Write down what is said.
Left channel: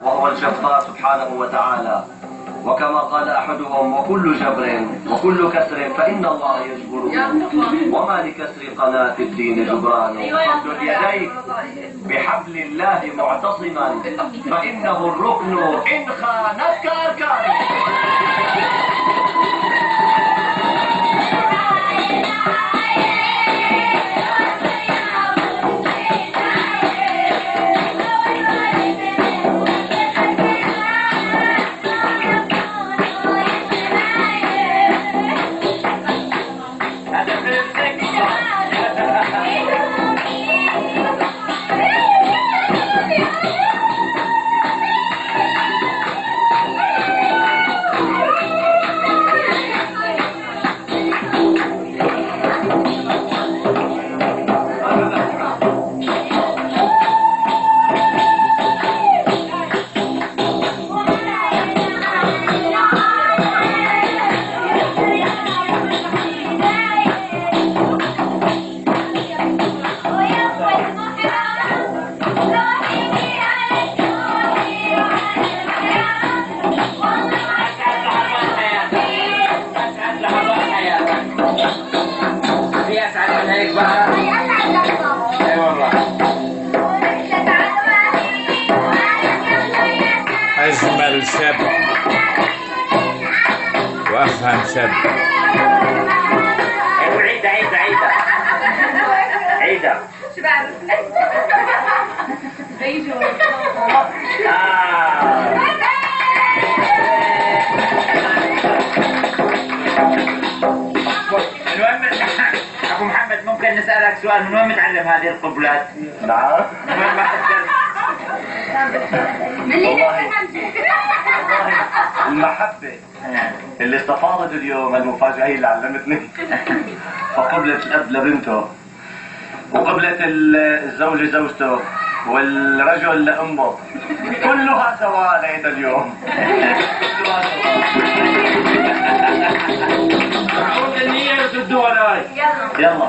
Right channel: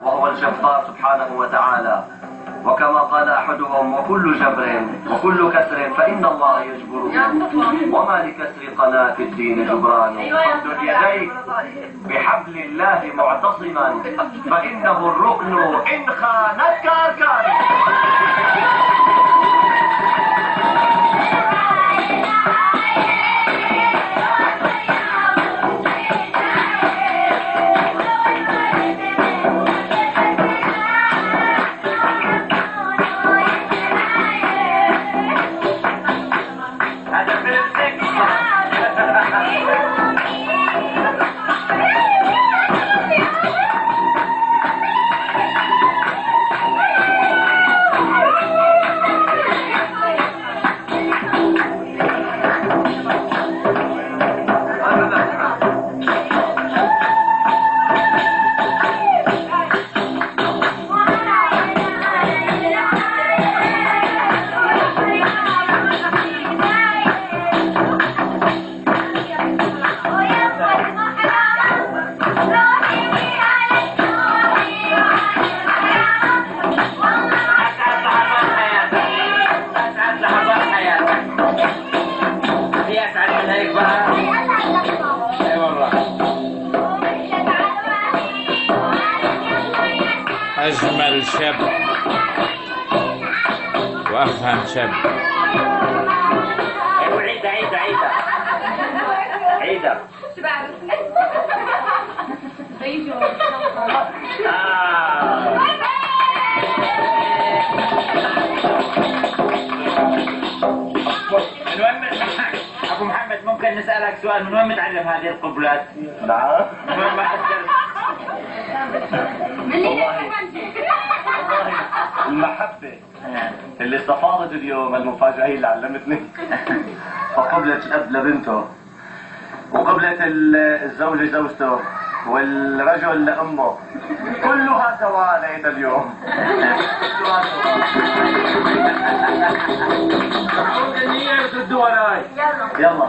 وهو الجبار سبحانه وتعالى. وكما قال أحدهم: وكل جبر وكل كسر فإن الله يجبره، وما لكسر قناة الدين جبران. فامدد يديك بحبل الله معتصما، فإنه الركن إن خانتك أركان. أجمل شاب وأفهم شاب. عيدة شو بعرف؟ بيجوا المهم أبو محمد، ممكن نسألك سؤال؟ من وين متعلم هذه القبلات؟ نعم. من وين ما تقدر؟ والله المحبة اللي استفاضت اليوم، المفاجأة هي اللي علمتني. فقبلة الأب لبنته، وقبلة الزوج لزوجته، والرجل لأمه، كلها سواء ليت اليوم. كلها سواء. النية وتدوا وراي. يلا.